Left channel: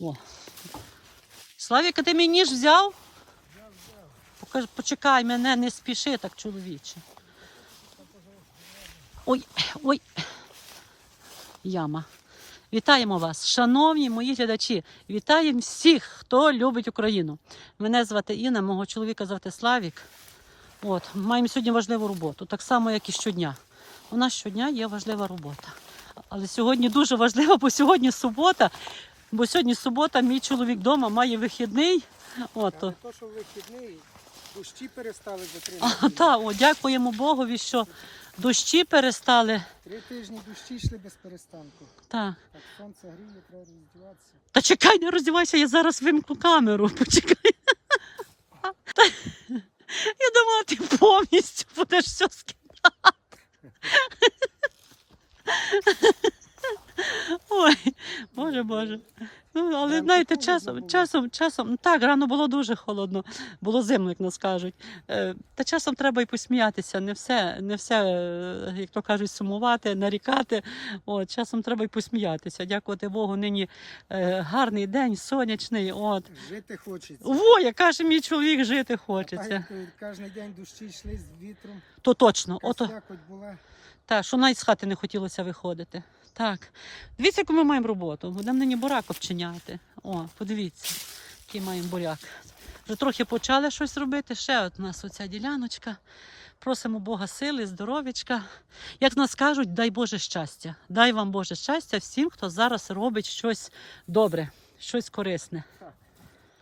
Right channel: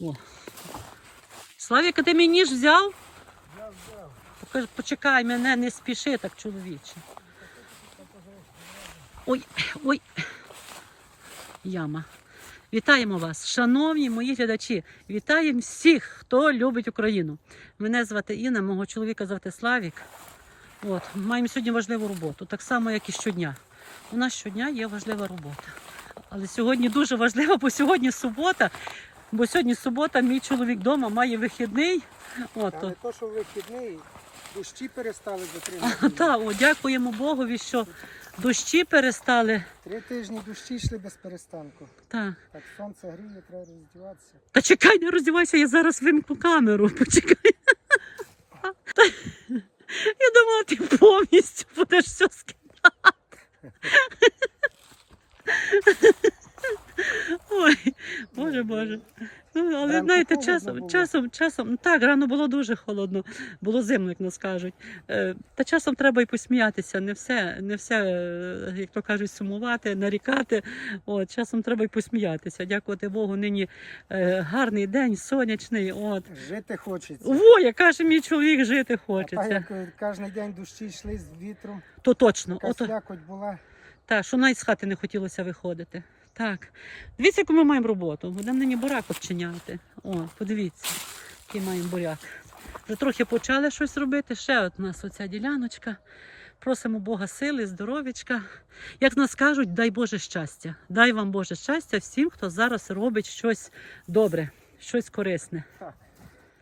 О. Славіка, ти мій ніж взяв? Я взяв. Почекай мене, не спіши так, чоловіче. Ой, ой. Яма. Вітаємо вас, шановні мої глядачі. Вітаємо всіх, хто любить Україну. Мене звати Інна, мого чоловіка звати Славік. От, маємо сьогодні важливу роботу, так само, як і щодня. У нас щодня є важлива робота. Але сьогодні дуже важливо, бо сьогодні субота. Бо сьогодні субота, мій чоловік вдома має вихідний. От, Але то, що вихідний, дощі перестали за три а, неділі. та, о, дякуємо Богові, що дощі перестали. Три тижні дощі йшли без перестанку. Так. Так сонце гріє, треба роздіватися. Та чекай, не роздівайся, я зараз вимкну камеру. Почекай. Я думала, ти повністю будеш все скидати. Ой, боже. Ну, але Ранку знаєте, часом, часом, часом, ну, так, рано було дуже холодно, було зимно, як нас кажуть. Е, Та часом треба і посміятися, не все, не все, е, як то кажуть, сумувати, нарікати. От, часом треба і посміятися. Дякувати Богу, нині е, гарний день, сонячний. От. Жити хочеться. Во, як каже мій чоловік, жити А хочеться. як кожен день дощі йшли з вітром, То точно. така Ото, була. так, що навіть з хати не хотілося виходити. Так. Дивіться, яку ми маємо роботу. Будемо нині буряк обчиняти. О, подивіться, який маємо буряк. Вже трохи почали щось робити. Ще от у нас оця діляночка. Просимо Бога сили, здоров'ячка. Як нас кажуть, дай Боже щастя. Дай вам Боже щастя всім, хто зараз робить щось добре, щось корисне. Так.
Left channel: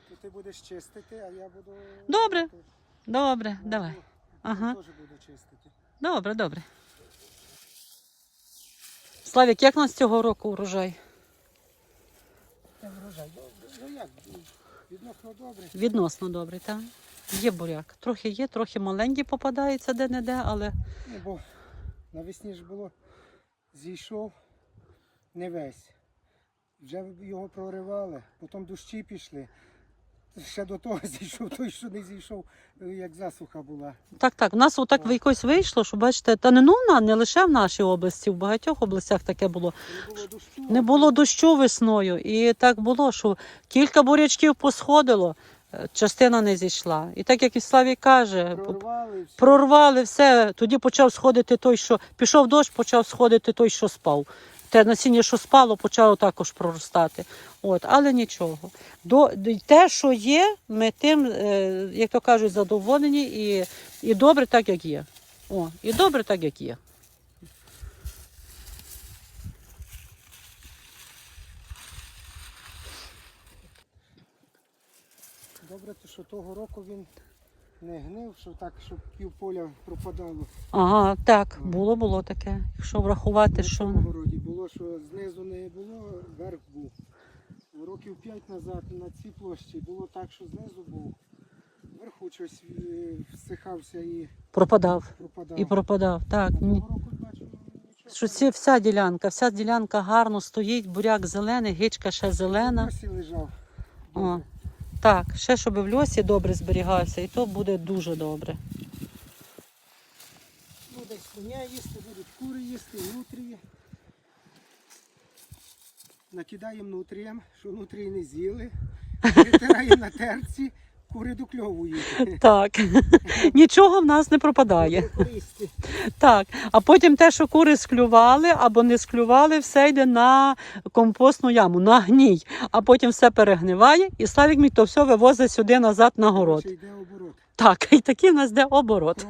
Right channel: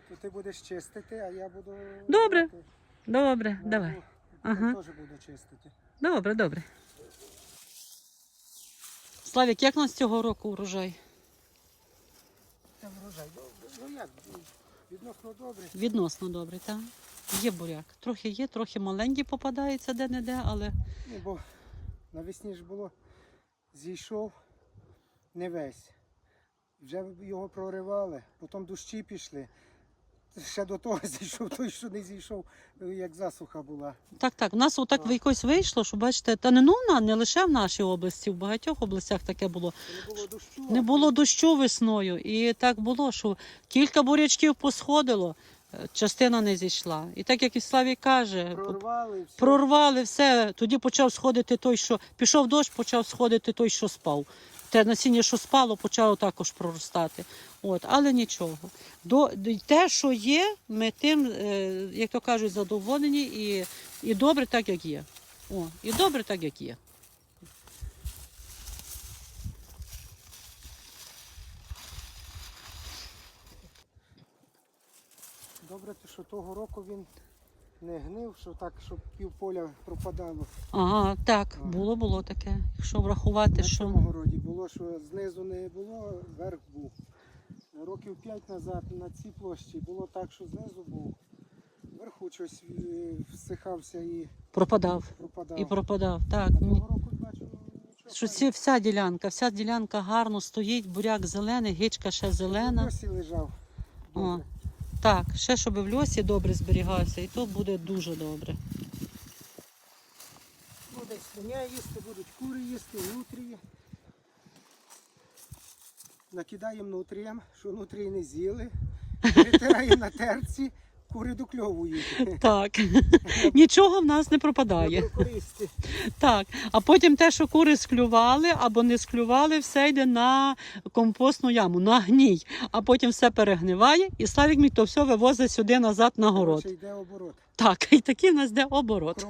То ти будеш чистити, а я буду. Добре. Добре, Я давай. Ага. Я теж буду чистити. Добре, добре. Славік, як у нас цього року урожай? Та врожай добре. Ну як, відносно добре. Відносно добре, так? Є буряк. Трохи є, трохи маленькі попадаються де-не-де, але Ну, бо навесні ж було, зійшов не весь. Вже його проривали, потім дощі пішли. Ще до того зійшов той, що не зійшов, е, як засуха була. так, так. У нас отак якось вийшло, що бачите, та не ну не лише в нашій області, в багатьох областях таке було. Не було дощу. Не було дощу весною, і так було, що кілька бурячків посходило, е, частина не зійшла. І так як і Славій каже, Прорвали, все. прорвали все. Тоді почав сходити той, що пішов дощ, почав сходити той, що спав. Те насіння, що спало, почало також проростати. От, але нічого. До, те, що є, ми тим, е, як то кажуть, задоволені і, і добре так, як є. О, і добре так, як є. Добре, то що того року він не гнив, що так, щоб пів поля пропадало. Ага, так, було, було таке. Якщо врахувати, На що. цьому городі було, що знизу не було, верх був. Років п'ять назад на цій площі було так, що знизу був. Вверху щось е, всихався і Пропадав. пропадав. І пропадав. Так. А того року бачу, ну. Що ці, вся ділянка, вся ділянка гарно стоїть, буряк зелений, гичка ще зелена. Досі лежав. О, так, ще щоб в льосі добре зберігався, і то буде дуже добре. Буде свиня їсти, будуть кури їсти, нутрії. Накидаємо нутріям, що нутрії не з'їли. Притираємо на терці, кури докльовують. Так, нічого в нас не пропадає. Так, а потім те, що кури склювали або не склювали, все йде на компостну яму, на гній. А потім все перегниває, і Славік мій то все вивозить сюди назад на город. Йде оборот. Так, і такий в нас йде оборот.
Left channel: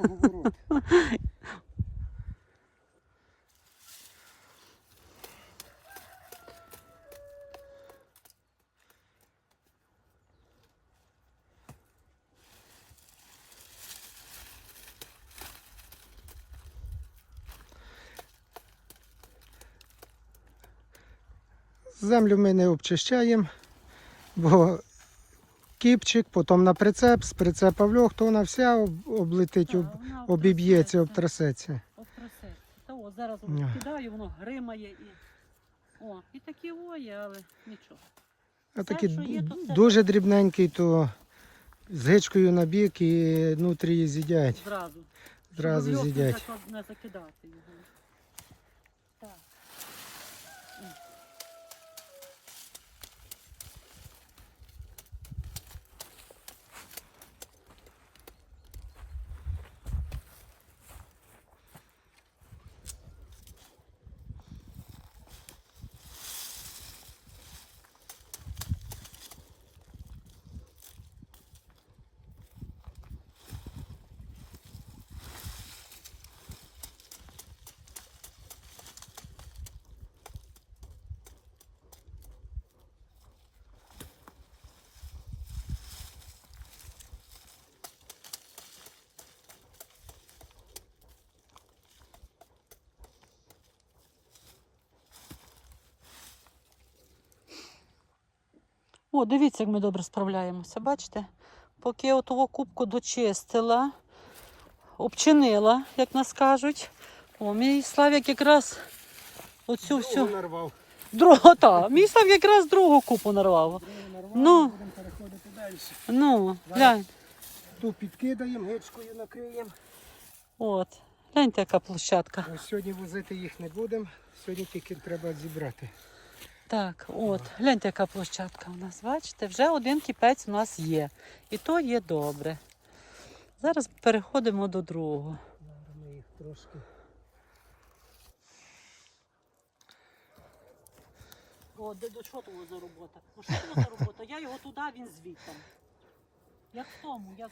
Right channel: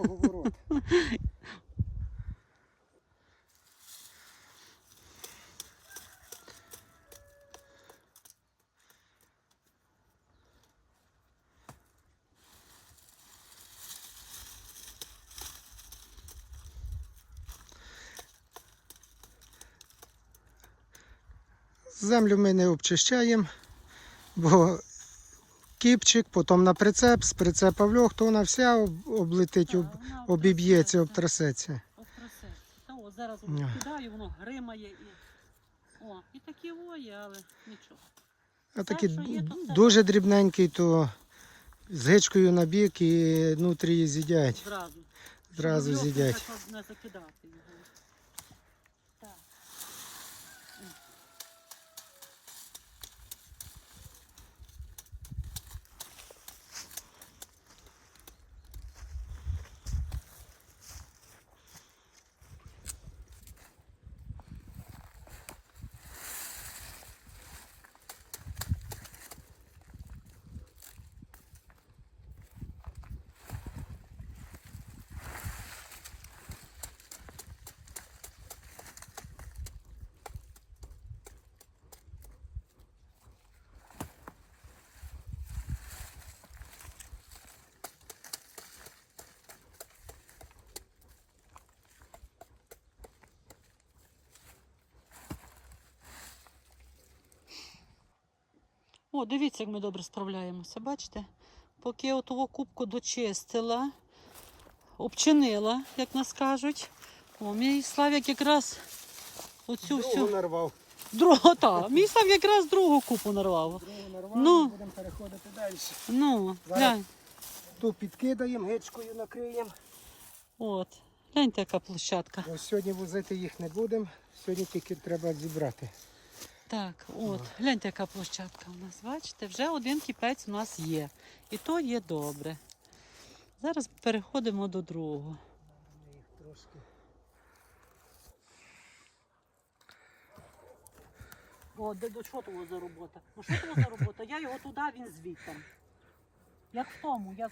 Землю ми не обчищаємо, бо кіпчик, потім на прицеп, з прицепа в льох, то вона вся об- облетить, об, обіб'ється, обтрасеться. Обтрасеться. Та о, зараз кидаю, воно гримає і. О, і такі воє, але нічого. А такі дуже дрібненький, то з гичкою на бік і нутрії з'їдять. Зразу. Зразу з'їдять. Не закидати його. Так. О, дивіться, як ми добре справляємося. Бачите? Поки я отого кубку дочистила, обчинила, як нас кажуть. О, мій Славік якраз оцю всю. нарвав. Другу, та, мій Славік якраз другу купу нарвав. Другу нарвав, Ну. будемо переходити далі. Ну, глянь. Ту підкидаємо, гичкою накриємо. От. Гляньте, яка площадка. Ось Сьогодні возити їх не будемо, сьогодні тільки треба зібрати. Так, от, гляньте, яка площадка у нас. Бачите, вже один кіпець у нас є. І то є добре. Зараз переходимо до другого. О, до, до чого того за робота? Ну що того за робота? Я його туди, він звідти. Як в тому, як,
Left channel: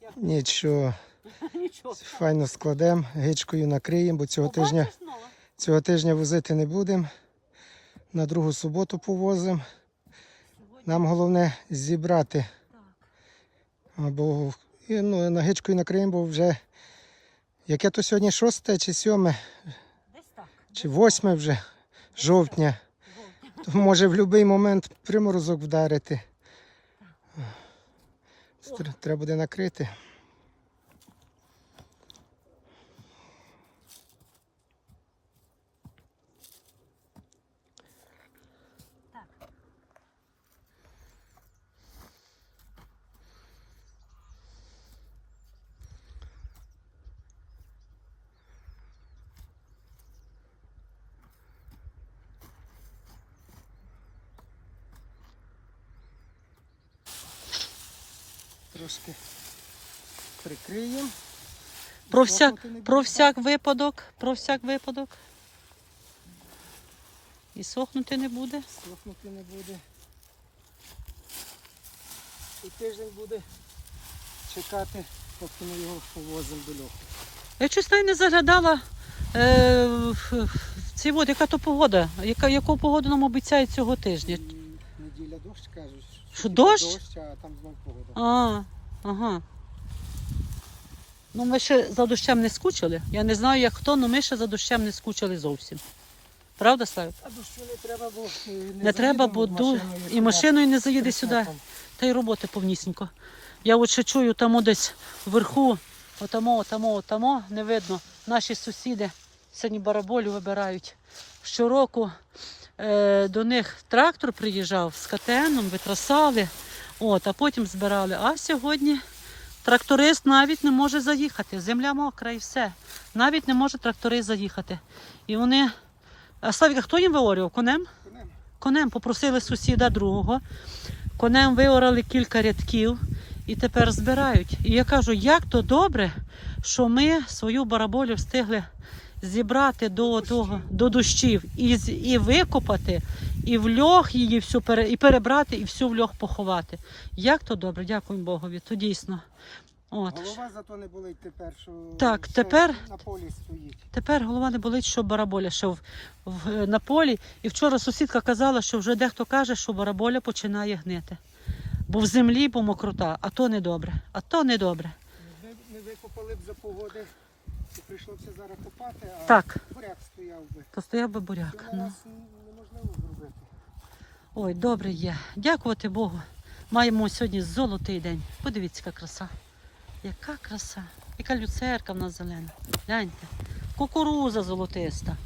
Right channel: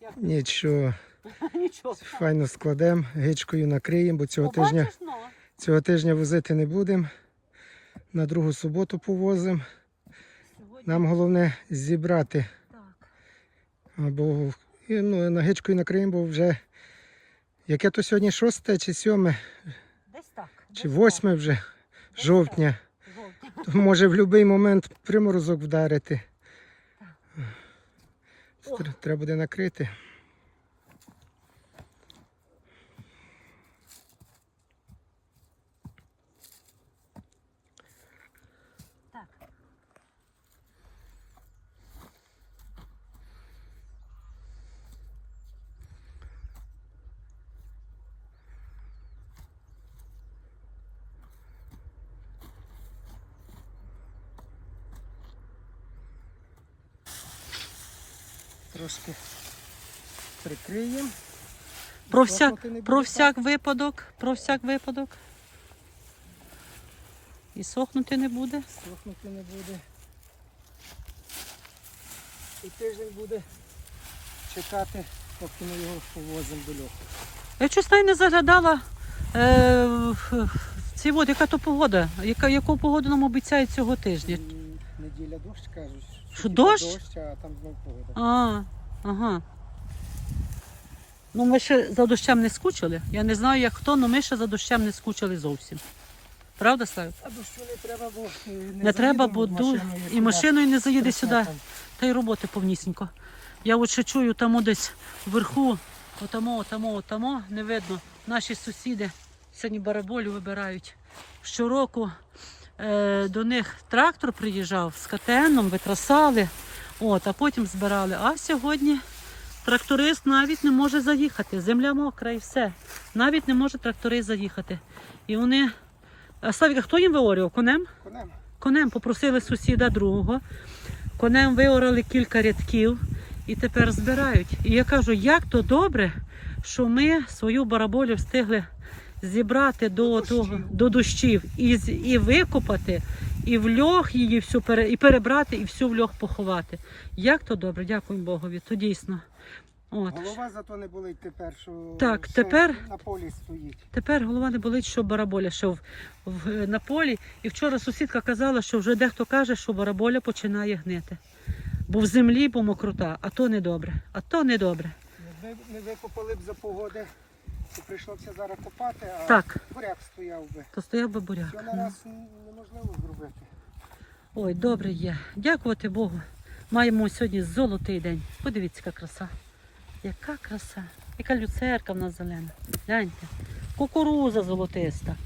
як... Нічого, нічого. файно складемо, гичкою накриємо, бо цього тижня, Побачиш, ну? цього тижня возити не будемо. На другу суботу повозимо. Нам головне зібрати. так. Або і, ну, на гичкою накриємо, бо вже яке то сьогодні шосте чи сьоме, Десь так. чи восьме вже Десь жовтня. так. То може в будь-який момент приморозок вдарити. Тр- Треба буде накрити. Трошки прикриємо. Про всяк, про всяк випадок, про всяк випадок. І сохнути не буде. Сохнути не буде. І тиждень буде чекати, поки ми його повозимо до льоху. Я навіть не заглядала. Е, в- ці от, яка то погода? Яка, яку погоду нам обіцяють цього тижня? Неділя дощ кажуть. Що, дощ? Дощ, а там знов погода. А, ага. Ну, ми ще за дощем не скучили. Я не знаю, як хто, але ми ще за дощем не скучили зовсім. Правда, Славі? А дощу не треба, бо не, Не треба, бо машиною і машиною не заїде сюди. Та й роботи повнісінько. Я от ще чую там десь вверху, отамо, отамо, отамо, не видно. Наші сусіди сьогодні бараболю вибирають. Щороку до них трактор приїжджав з КТНом, витрасали, от, а потім збирали. А сьогодні тракторист навіть не може заїхати. Земля мокра і все. Навіть не може тракторист заїхати. І вони. А Славіка, хто їм виорював? Конем? Конем. Конем попросили сусіда другого. Конем виорали кілька рядків і тепер збирають. І я кажу, як то добре, що ми свою бараболю встигли зібрати до, До того, до дощів і, і викопати, і в льох її всю пере, і перебрати, і всю в льох поховати. Як то добре, дякую Богові, то дійсно. От. Голова зато не болить тепер, що Так, тепер- на полі стоїть. Тепер голова не болить, що бараболя ще в, в, на полі. І вчора сусідка казала, що вже дехто каже, що бараболя починає гнити. Бо в землі, бо мокрота, а то не добре. А то не добре. Не, не викопали б за погоди, то прийшлося зараз копати, а Так, буряк стояв би. то стояв би буряк. Що на Ну. раз неможливо зробити. Ой, добре є. Дякувати Богу. Маємо сьогодні золотий день. Подивіться, яка краса. Яка краса. Яка люцерка в нас зелена. Гляньте. Кукуруза золотиста.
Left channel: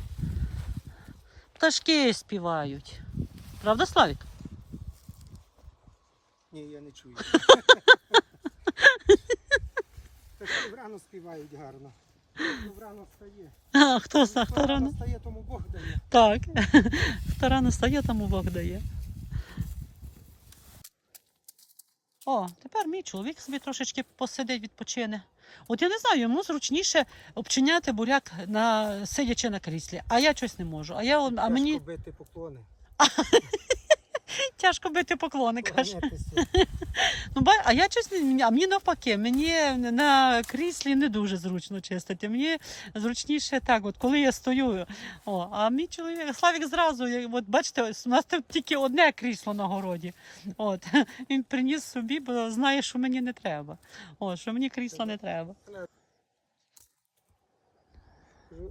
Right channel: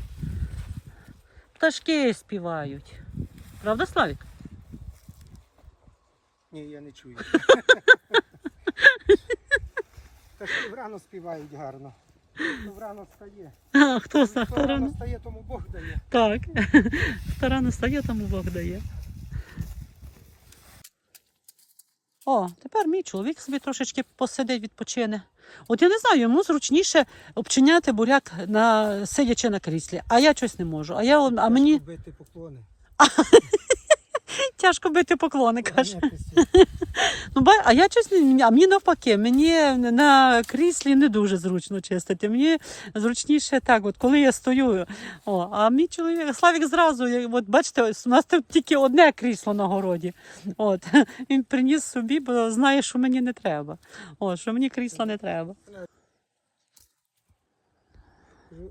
Пташки співають. Правда, Славік? Ні, я не чую. Та ж врано співають гарно. Хто врано стає. А, хто, хто, Хто рано? рано стає, тому Бог дає. Так. Хто рано стає, тому Бог дає. О, тепер мій чоловік собі трошечки посидить, відпочине. От я не знаю, йому зручніше обчиняти буряк на сидячи на кріслі, а я щось не можу. А я а мені бити поклони. тяжко бити поклони, каже. Ну, ба- а я не а мені навпаки, мені на кріслі не дуже зручно чистити. Мені зручніше так, от коли я стою. О, а мій чоловік Славік зразу, от бачите, ось у нас тут тільки одне крісло на городі. От він приніс собі, бо знає, що мені не треба. О, що мені крісла не треба.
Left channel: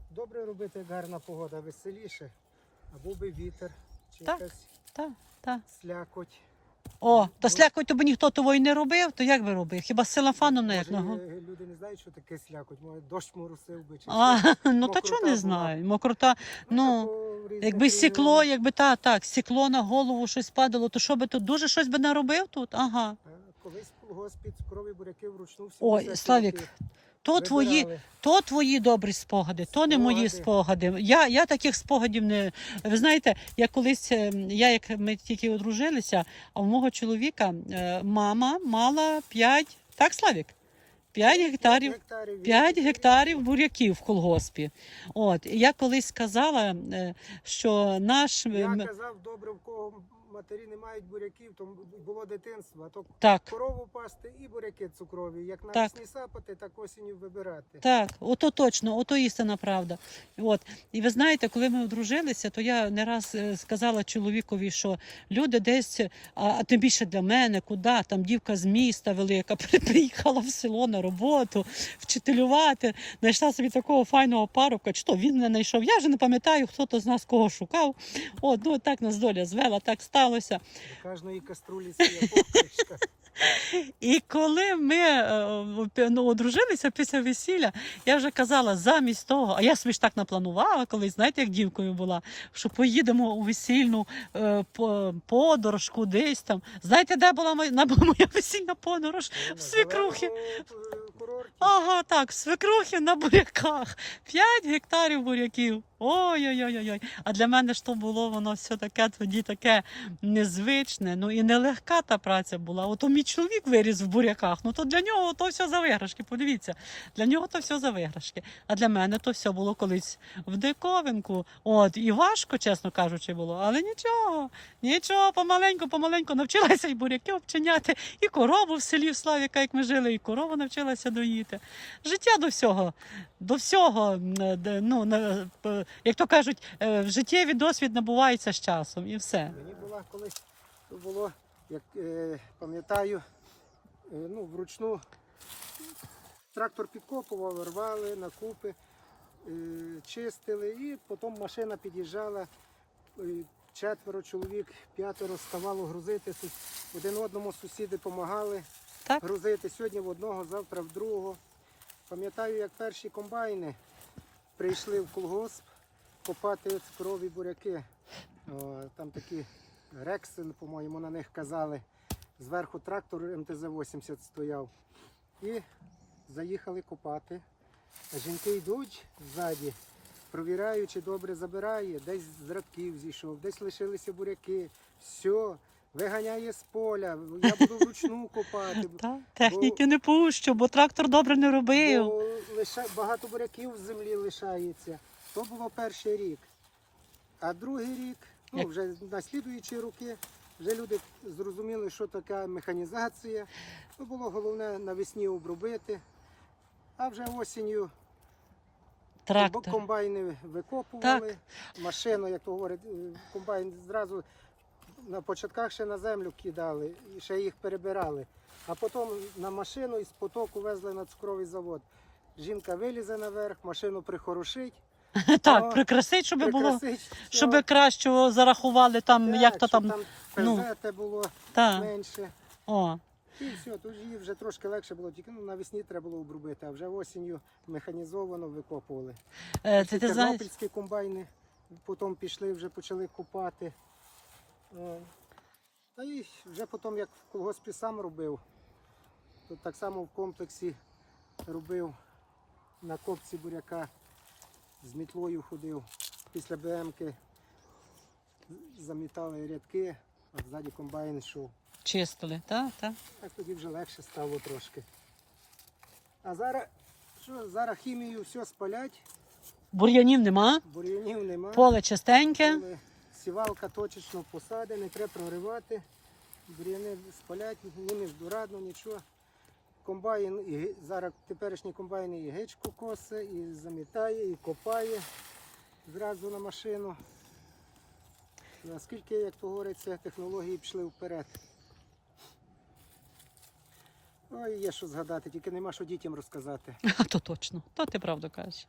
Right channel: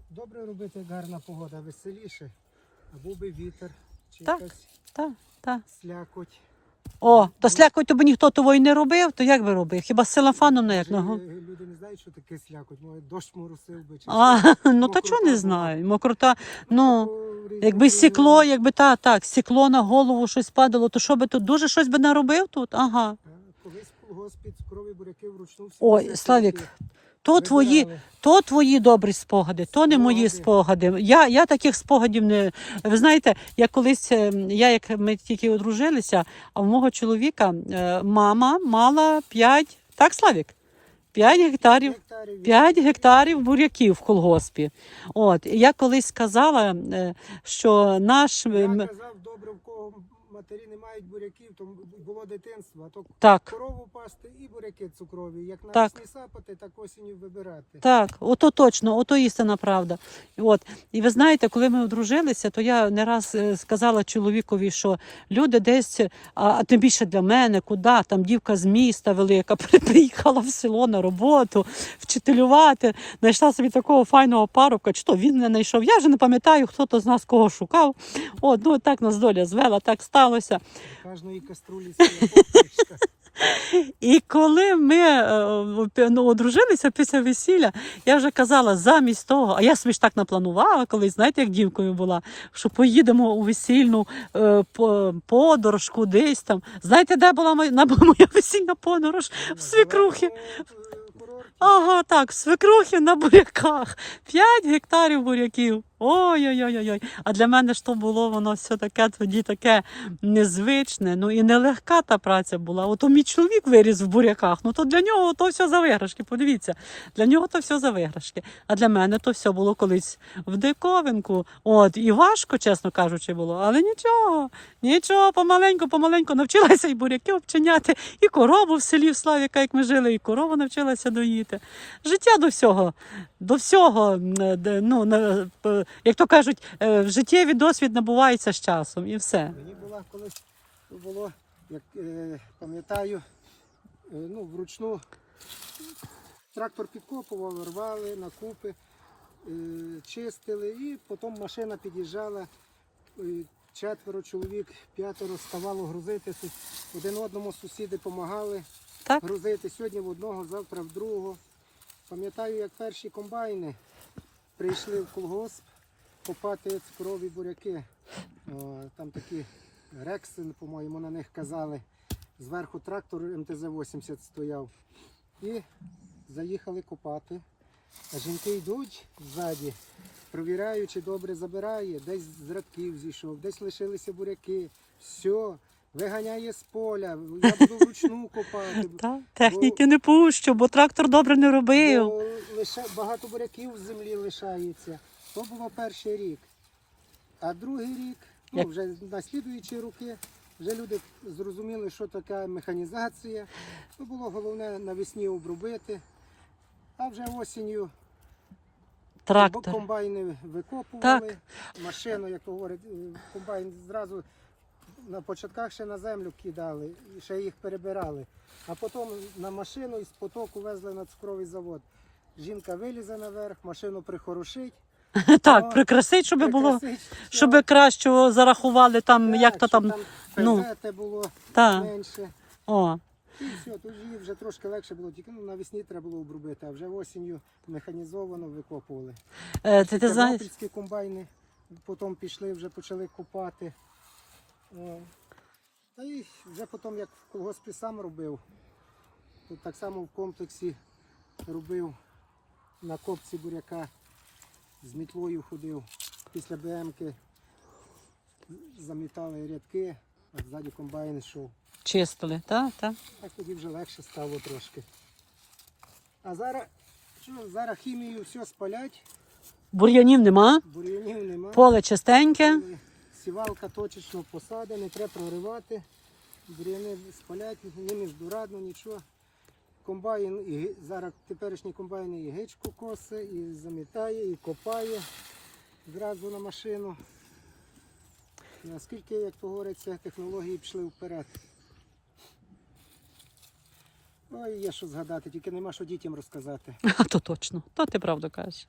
Добре робити, гарна погода, веселіше. Або би вітер, чи Так. якась Так, так. слякоть. О, то слякоть тобі ніхто того й не робив, то як би робив? Хіба з селафаном на як Може, ногу? Люди не знають, що таке слякоть. Може, дощ моросив би. Чи А, ну та Мокрота чого не була. знаю? Мокрота, ну. Якби сікло, якби та, так, сікло на голову щось падало, то що би тут дуже щось би наробив тут? Ага. Колись в колгоспі цукрові буряки вручну всі Ой, Славік, То твої, то твої добрі спогади, то не мої Спогади. Я, я таких спогадів не. Ви знаєте, я колись, е, я як ми тільки одружилися, а в мого чоловіка е, мама мала 5, так, Славік? 5 гектарів. 5 гектарів буряків в колгоспі. От я колись сказала, е, що наш Я казав, добре, в кого матері не мають буряків, то було дитинство, то так. корову пасти і буряки цукрові. Як Так. навесні сапати, так осінню вибирати. Так, ото точно, ото істина правда. От і ви знаєте, коли ми одружилися, то я не раз е, сказала чоловікові, що люди десь, а, а тим більше для мене, куди там дівка з міста велика, приїхала в село на роботу, вчителювати, знайшла собі такого файного парубка. Чи то він не знайшов? Я вже не пам'ятаю, хто то з нас кого шукав. От, ну так нас доля звела, так сталося. Кожної каструлі. І коли ми е, ну, одружилися після весілля, я вже казала, замість того, а я собі ж так напланувала колись, знаєте, як дівкою була, що поїдемо у весільну е, подорож кудись там. Знаєте, де була моя, моя весільна подорож? В свекрухи. Зеленому, е. Ага, так, в свекрухи на буряках. 5 гектарів буряків. Ой-ой-ой. А для мене ж то було воно все таке тоді таке незвичне. Ну і нелегка та праця була. Ото мій чоловік виріс в буряках. Ну то для нього то все за виграшки. Подивіться, для нього то все за виграшки. А для мене то все було колись в диковинку. От і важко, чесно кажучи, було. Але нічого, нічого, помаленьку, помаленьку навчилася і буряки обчиняти, і корову в селі в Славіка, як ми жили, і корову навчилася доїти. Життя до всього, до всього, ну, на- п- як то кажуть, е, життєвий досвід набувається з часом і все. Мені була колись було, як е, пам'ятаю, е, ну, вручну трактор підкопував, рвали на купи, е, чистили, і потім машина під'їжджала. е, Четверо чоловік, п'ятеро ставало грузити. Один одному сусіди допомагали Так? грузити. Сьогодні в одного, завтра в другого. Пам'ятаю, як перші комбайни прийшли в колгосп копати цукрові буряки. Там такі рекси, по-моєму, на них казали. Зверху трактор МТЗ-80 стояв. І заїхали копати. А жінки йдуть ззаді, провіряють, чи добре забирає, десь з радків зійшов, десь лишилися буряки. Все, виганяє з поля, я буду вручну копати. Так, техніки не пущу, бо трактор добре не робив. Лише багато буряків в землі лишається. То було перший рік. А другий рік, ну вже на слідуючі роки, вже люди зрозуміли, що таке механізація. То було головне навесні обробити. А вже осінню Трактор. комбайни викопували, машину, як то говорять, е, комбайн зразу на початках ще на землю кидали, ще їх перебирали. А потім на машину із потоку везли на цукровий завод. Жінка вилізе наверх, машину прихорошить, Так, прикрасить, щоб було, прикрасить, щоб кращого зарахували там, Так, як то щоб там. ну. було Та, менше. о. І все, тут її вже трошки легше було, тільки ну, навесні треба було обробити, а вже осінню механізовано викопували. Е, ти, ти знаєш, Тернопільські комбайни, потім пішли, вже почали копати. О. Та і вже потім, як в колгоспі сам робив, то так само в комплексі робив на копці буряка, з мітлою ходив. Після БМки замітали рядки, а ззаді комбайн йшов. чистили, так, так. Так тоді вже легше стало трошки. А зараз, що, зараз хімію все спалять, Бур'янів нема, бур'янів немає. поле чистеньке. Сівалка точечно посади, не треба проривати. Бур'яни спалять, ними здорадно, нічого. Комбайн, і, зараз теперішні комбайни і гичку косе, і замітає, і копає зразу на машину. Наскільки, як то говориться, технології пішли вперед. Ой, є що згадати, тільки нема що дітям розказати. А то точно, то ти правду кажеш.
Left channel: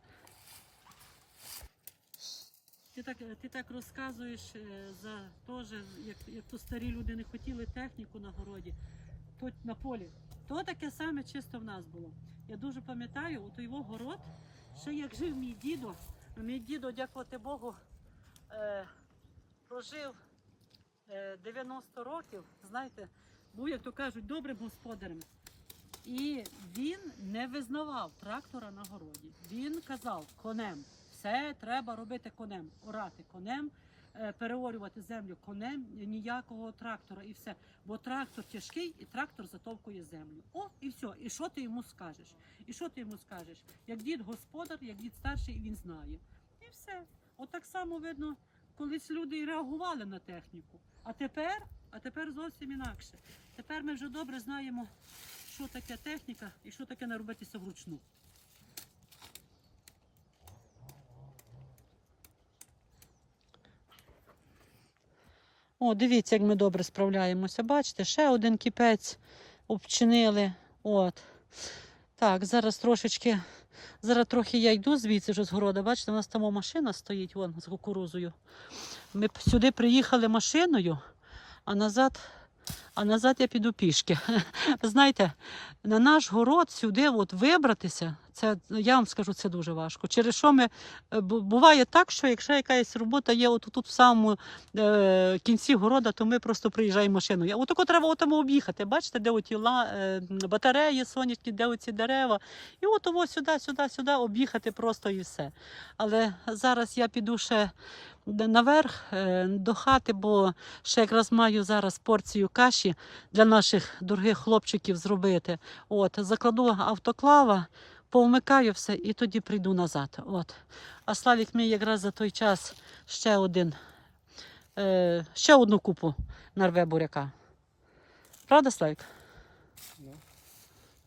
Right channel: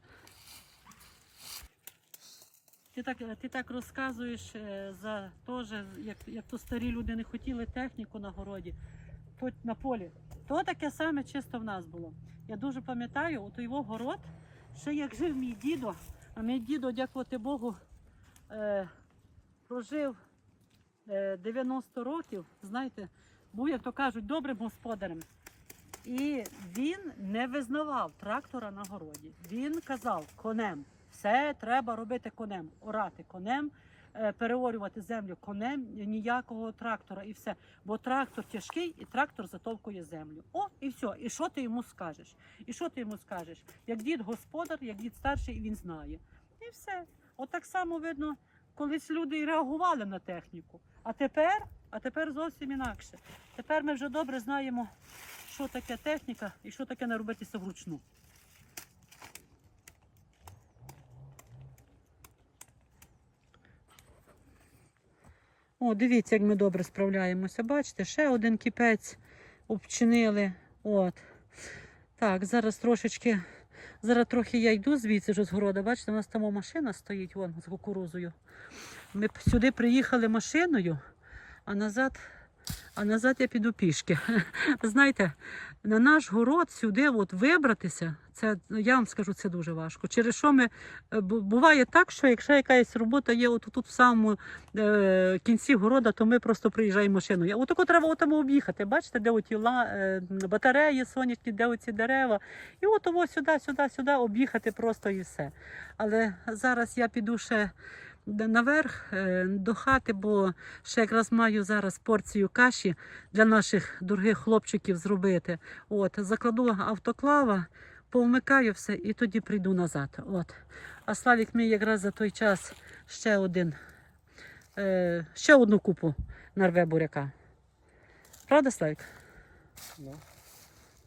Ти так, ти так розказуєш е, за теж, як, як то старі люди не хотіли техніку на городі, то на полі. То таке саме чисто в нас було. Я дуже пам'ятаю, от його город, ще як жив мій дідо, а мій дідо, дякувати Богу, е, прожив е, 90 років, знаєте, був, як то кажуть, добрим господарем. І він не визнавав трактора на городі. Він казав конем. Все треба робити конем, орати конем, переорювати землю конем, ніякого трактора і все. Бо трактор тяжкий і трактор затовкує землю. О, і все. І що ти йому скажеш? І що ти йому скажеш? Як дід господар, як дід старший, він знає. І все. От так само видно, колись люди і реагували на техніку. А тепер, а тепер зовсім інакше. Тепер ми вже добре знаємо, що таке техніка і що таке не робитися вручну. О, дивіться, як ми добре справляємося. Бачите, ще один кіпець обчинили. От. Так, зараз трошечки. Зараз трохи я йду звідси вже з города. Бачите, у нас там машина стоїть вон з кукурузою. Ми сюди приїхали машиною, а назад, а назад я піду пішки. Знаєте, на наш город сюди от вибратися, це я вам скажу, це дуже важко. Через що ми е, буває так, що якщо якась робота є от тут в самому е, кінці города, то ми просто приїжджаємо машиною. Отако треба отому об'їхати. Бачите, де оті ла, е, батареї сонячні, де оці дерева. І от того сюди, сюди, сюди об'їхати просто і все. Але зараз я піду ще наверх е, до хати, бо ще якраз маю зараз порцію каші для наших дорогих хлопчиків зробити. От, закладу автоклава, повмикаю все і тоді прийду назад. От. А Славік мій якраз за той час ще один, е, ще одну купу нарве буряка. Правда, Славік? Ну,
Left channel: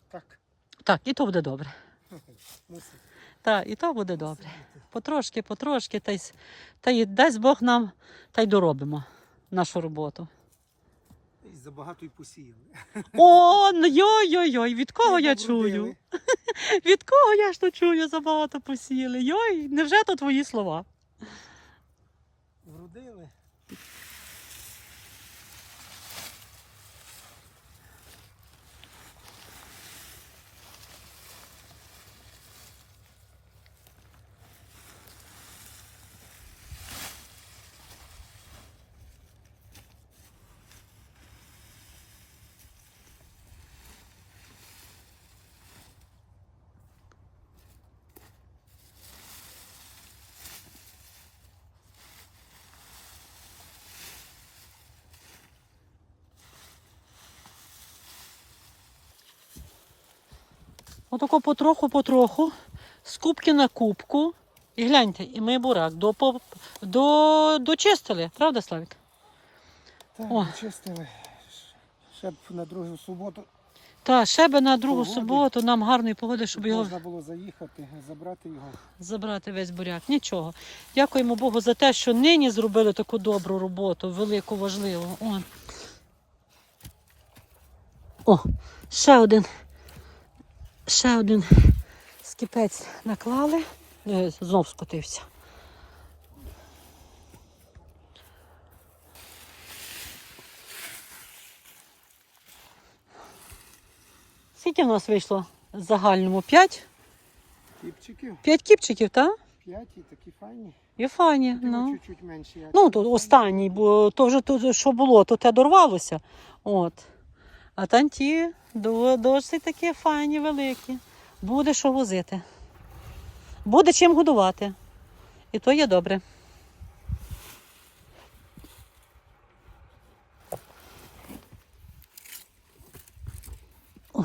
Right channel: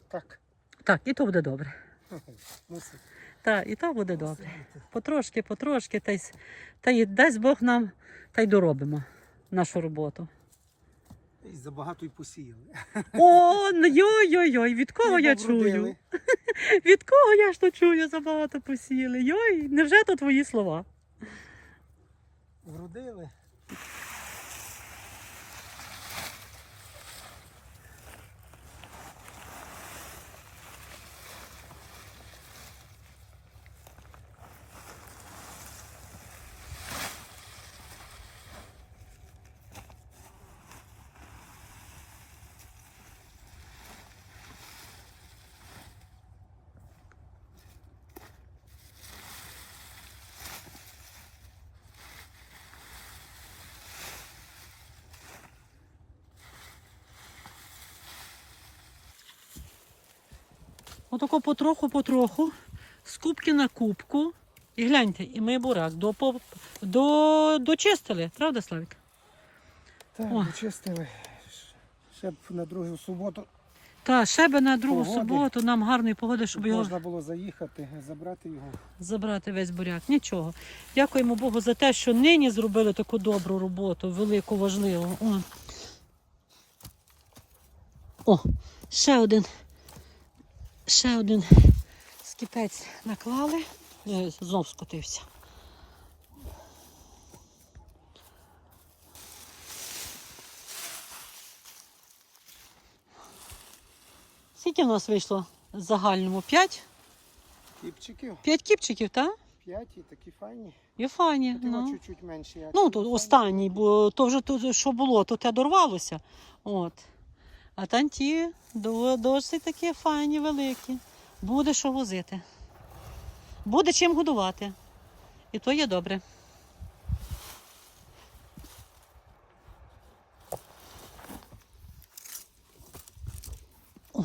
так. Так, і то буде добре. Мусить. Так, і то буде добре. Потрошки, потрошки, та й, та й дасть Бог нам, та й доробимо нашу роботу. І забагато й посіяли. О, ну йой-йой-йой, від кого я чую? Від кого я ж то чую, забагато посіяли? Йой, невже то твої слова? Вродили. Отако потроху-потроху, з кубки на кубку. І гляньте, і ми бурак до, до, дочистили, правда, Славік? Так, О. почистили. Ще б на другу суботу Та, ще би на другу Погоди. суботу нам гарної погоди, щоб його можна було заїхати, забрати його. забрати весь буряк. Нічого. Дякуємо Богу за те, що нині зробили таку добру роботу, велику, важливу. О, О ще один. Ще один скіпець наклали. Е, Знов скотився. Скільки в нас вийшло в загальному? П'ять? Кіпчиків. П'ять кіпчиків, так? П'ять і такі файні. І файні. Ну. Ну, чуть-чуть менші. а ну то останній, бо то вже то, що було, то те дорвалося. От. А там ті досить такі файні, великі. Буде що возити. Буде чим годувати. І то є добре. О,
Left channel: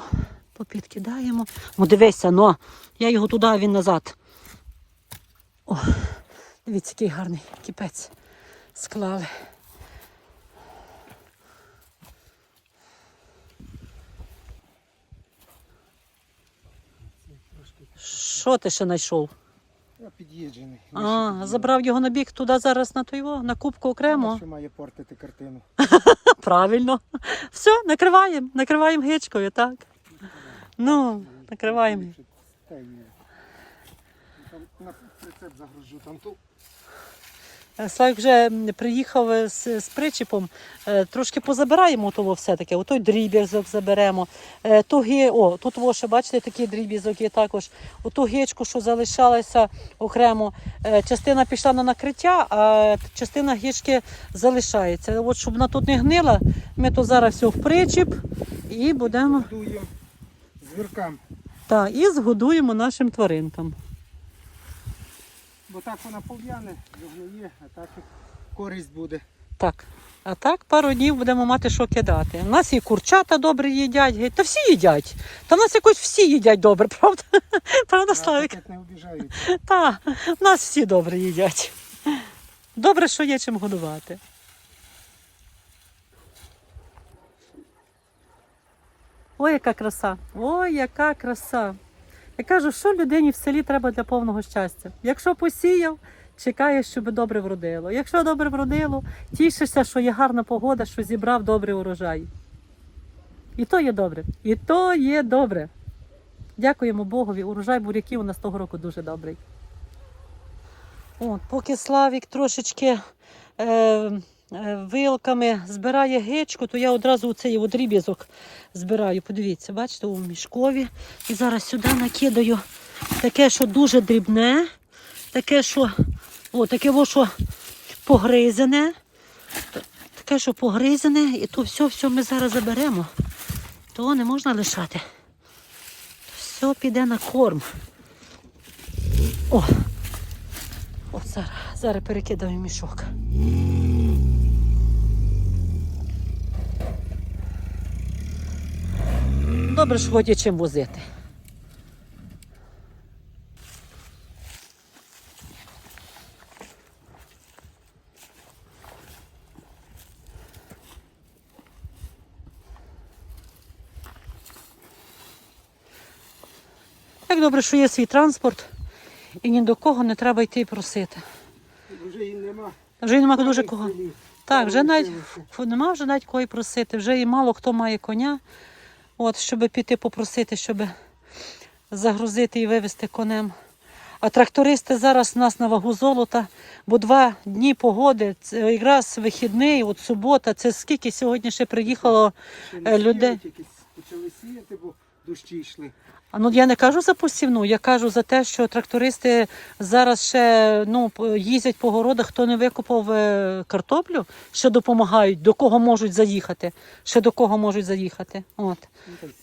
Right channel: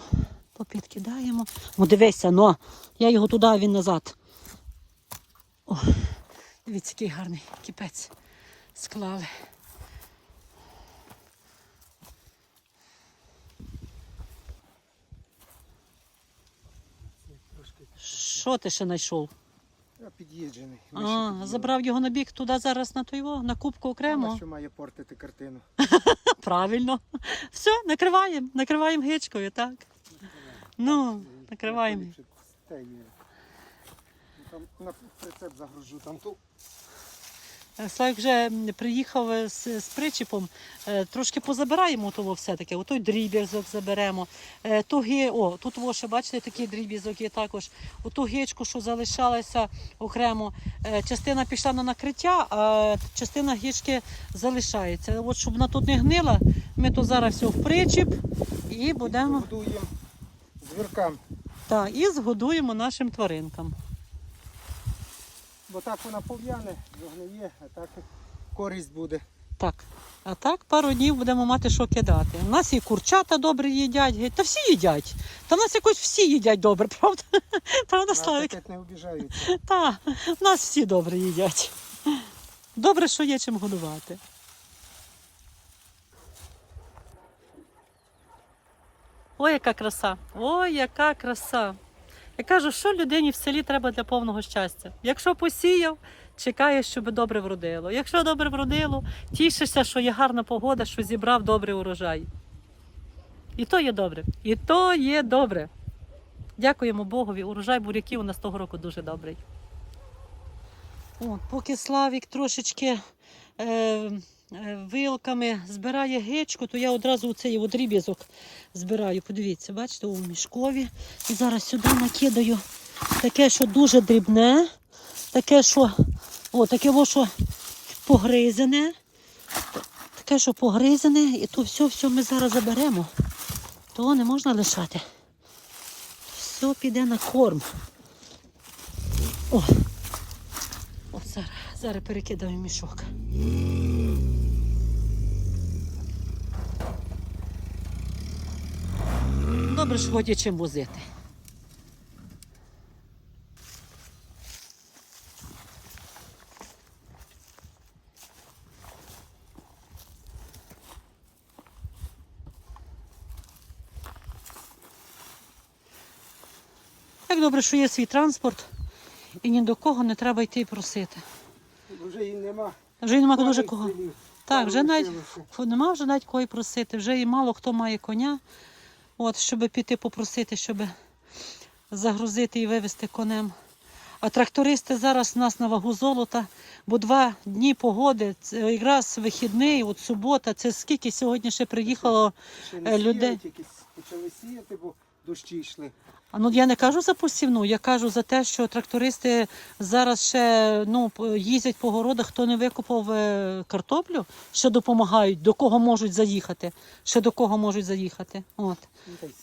попідкидаємо. Ну дивися, но. Я його туди, а він назад. О, дивіться, який гарний кіпець склали. Що ти ще знайшов? Я під'їджений. А, забрав його на бік туди зараз на той, на кубку окремо. Що має портити картину. Правильно. Все, накриваємо, накриваємо гичкою, так. Ну, накриваємо. Там на прицеп загружу там ту. Славік вже приїхав з, з причіпом. Е, Трошки позабираємо того все-таки. Отой дріб'язок заберемо. Е, Ту ги... О, тут во ще бачите, такий дріб'язок є також. Оту гичку, що залишалася окремо. Е, Частина пішла на накриття, а частина гички залишається. От щоб вона тут не гнила, ми то зараз все в причіп і будемо Дуємо звіркам. та, і згодуємо нашим тваринкам. Бо так вона пов'яне, загниє, а так користь буде. Так. А так пару днів будемо мати що кидати. У нас і курчата добре їдять, та всі їдять. Та в нас якось всі їдять добре, правда? Правда, Славік? Так не обіжаються. Та, нас всі добре їдять. Добре, що є чим годувати. Ой, яка краса! Ой, яка краса! Я кажу, що людині в селі треба для повного щастя. Якщо посіяв, чекаєш, щоб добре вродило. Якщо добре вродило, тішишся, що є гарна погода, що зібрав добрий урожай. І то є добре. І то є добре. Дякуємо Богові. Урожай буряків у нас того року дуже добрий. От, поки Славік трошечки вилками збирає гичку, то я одразу цей дріб'язок збираю. Подивіться, бачите, у мішкові. І зараз сюди накидаю таке, що дуже дрібне, таке, що, о, таке, о, що погризене. Таке, що погризене, і то все, все ми зараз заберемо. То не можна лишати. Все піде на корм. О, От зараз, зараз перекидаю мішок. Добре, що є чим возити. Так добре, що є свій транспорт, і ні до кого не треба йти і просити. Вже їм нема. Вже нема дуже кого. Так, вже навіть нема вже навіть кого й просити. Вже і мало хто має коня. От, щоб піти попросити, щоб загрузити і вивезти конем. А трактористи зараз у нас на вагу золота, бо два дні погоди, це якраз вихідний, от субота, це скільки сьогодні ще приїхало. Ще е, людей. якісь почали сіяти, бо дощі йшли. А ну я не кажу за посівну, я кажу за те, що трактористи зараз ще ну, їздять по городах, хто не викопав е, картоплю, ще допомагають, до кого можуть заїхати. Ще до кого можуть заїхати. От.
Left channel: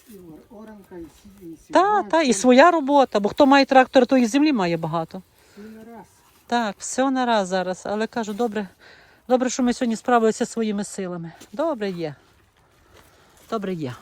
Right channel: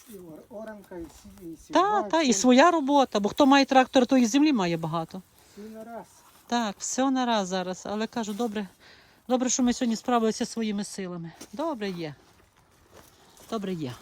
Ну, Оранка і Та, та, і своя робота, бо хто має трактор, то і землі має багато. на раз. Так, все на раз зараз. Але кажу, добре, добре, що ми сьогодні справилися своїми силами. Добре є. Добре є.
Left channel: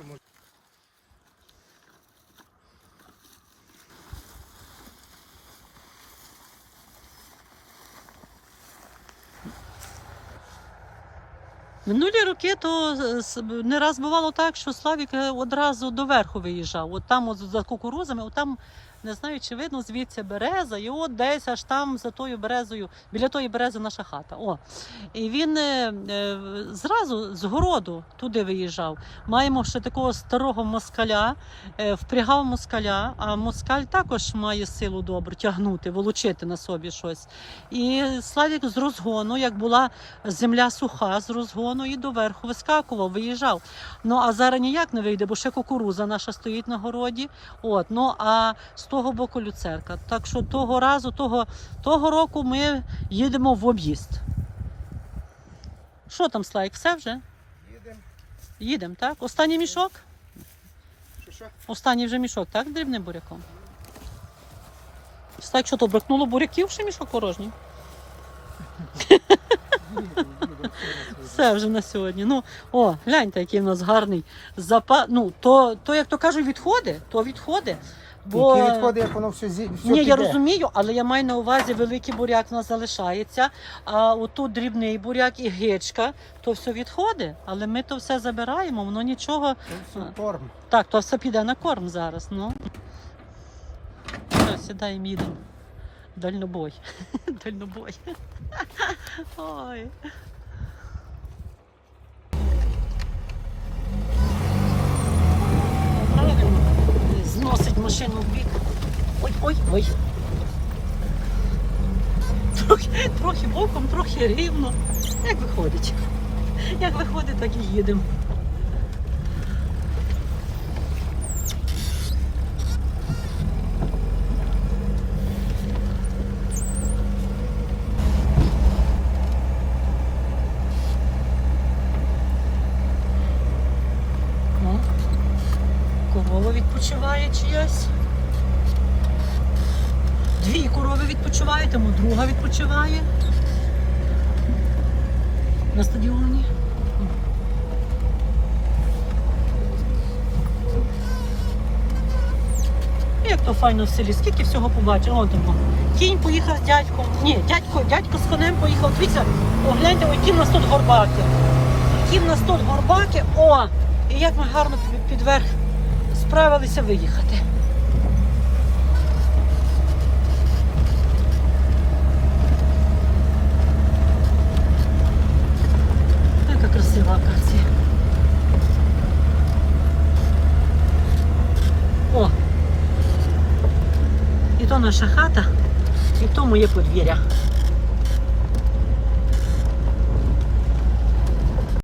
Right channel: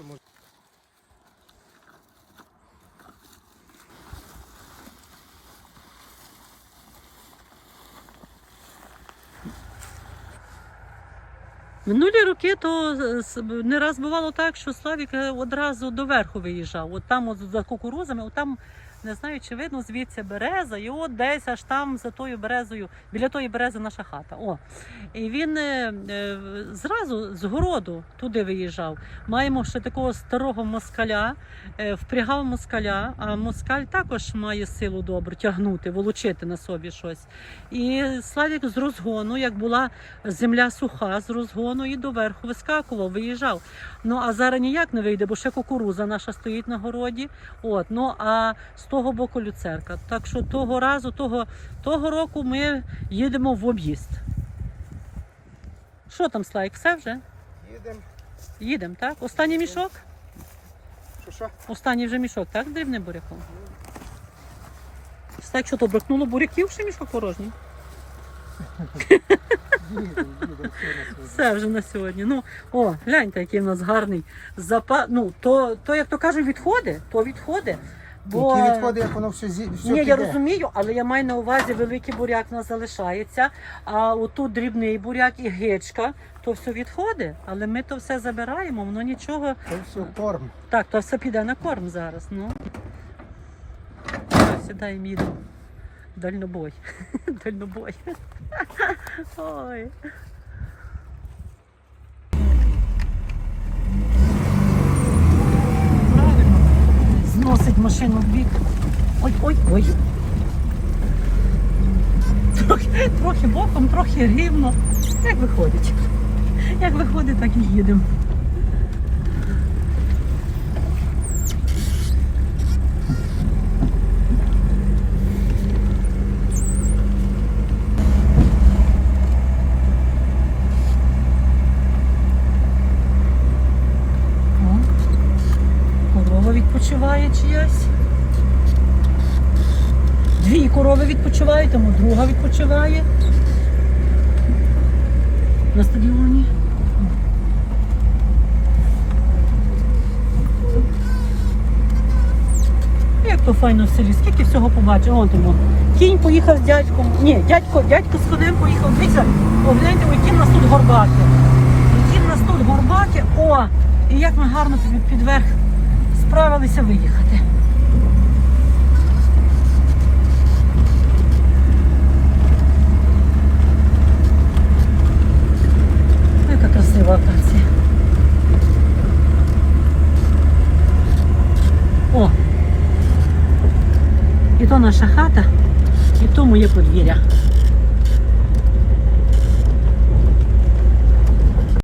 Минулі роки то е, не раз бувало так, що Славік е, одразу доверху виїжджав. От там от за кукурузами, от там не знаю, чи видно звідси береза, і от десь аж там за тою березою, біля тої берези наша хата. О. І він е, е, зразу з городу туди виїжджав. Маємо ще такого старого москаля, е, впрягав москаля, а москаль також має силу добру тягнути, волочити на собі щось. І Славік з розгону, як була земля суха, з розгону і доверху вискакував, виїжджав. Ну а зараз ніяк не вийде, бо ще кукуруза наша стоїть на городі. От, ну а того боку люцерка. Так що того разу, того, того року ми їдемо в об'їзд. Що там, Слайк, все вже? Їдемо. Їдемо, так? Останній мішок? Що що? Останній вже мішок, так, дрібним буряком? Слайк, що то бракнуло буряків ще мішок порожній? Все вже на сьогодні. Ну, о, гляньте, який в нас гарний запас. Ну, то, то, як то кажуть, відходи, то відходи. Бо... Які відходи, як воно все зі все Ні, я розумію, але я маю на увазі, великий буряк у нас залишається, а отут дрібний буряк і гичка, то все відходи, але ми то все забираємо, воно нічого. Це все корм. Так, то все піде на корм зараз. Ну. Все, сідаємо, їдемо. Дальнобой. Дальнобой. Ой. Правильно. Зносить машину в бік. Ой, ой, ой. Трохи, трохи трохи боком, трохи рівно. Як виходить? Як виходить, так і їдемо. О, корова відпочиває чиясь. Дві корови відпочивають, тому друга відпочиває. На стадіоні. Як то файно в селі, скільки всього побачив. Вон тому. Кінь поїхав з дядьком. Ні, дядько, дядько з конем поїхав. Дивіться, погляньте, які в нас тут горбаки. Які в нас тут горбаки. О! І як ми гарно підверх справилися виїхати. Яка красива.